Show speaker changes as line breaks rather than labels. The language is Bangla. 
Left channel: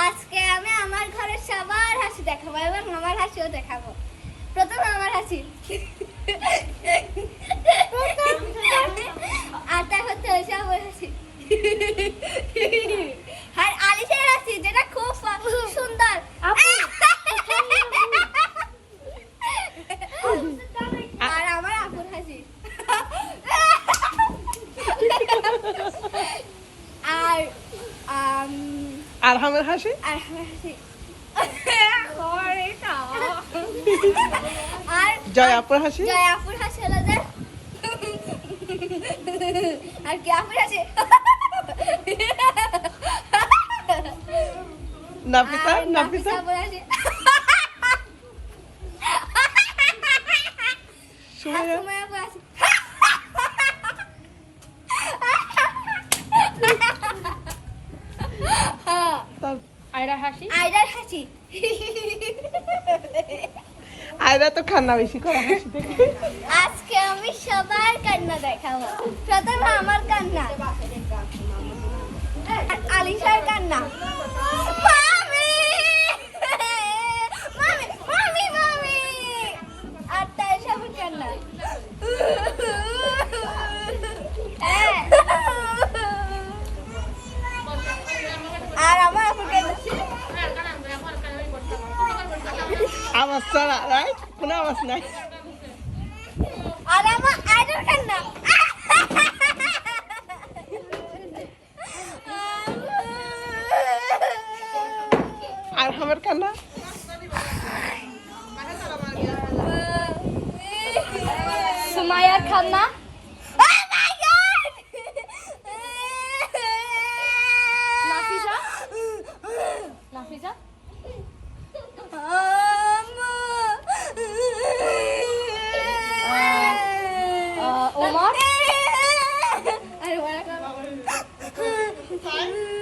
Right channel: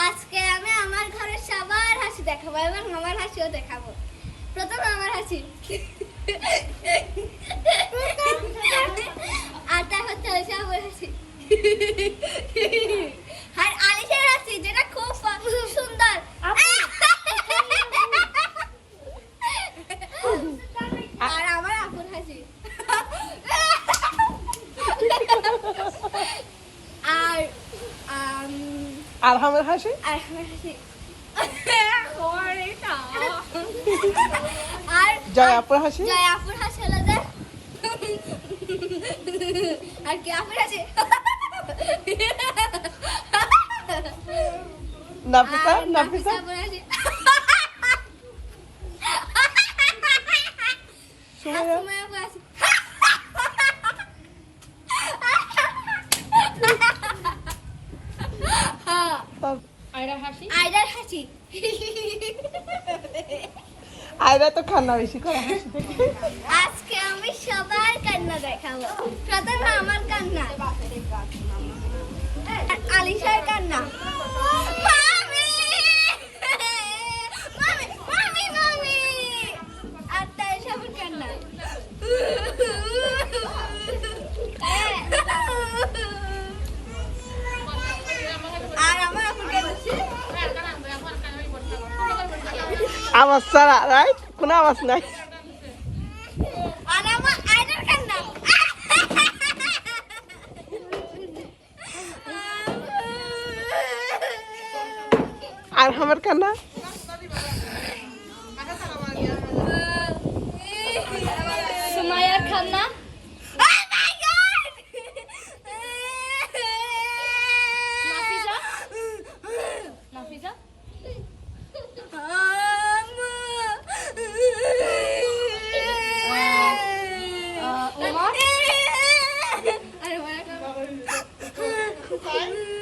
আজকে আমি আমার ঘরের সবার হাসি দেখাবো এবং আমার হাসিও দেখাবো। প্রথম আমার হাসি আর তারপর তো হচ্ছে আমার হাসি আর আলিশের হাসি যেটা খুব সুন্দর আর আমার আপুর হাসি আর আম,
আর আমার হাসি?
আর আমার হাসি। আর
জয় আপুর হাসি?
জয় আপুর হাসি হলো যে আর কি আপুর হাসি?
নাফিসা
আর
নাফিসা
আপুর হাসি আর
সুমাইয়া
সুমাইয়া আপুর হাসি
তার
আয়রা হাসি?
আইরার হাসি।
আয়রা তো কান্না বেশি করে হাসি
আজকে আমি সবার কান্না দেখাবো। প্রথমে আমার কান্না। আলিশার কান্না।
আওয়াজ ছাড়া নাই কোনো আওয়াজ নাই
আর আমার কান্না
আর আমার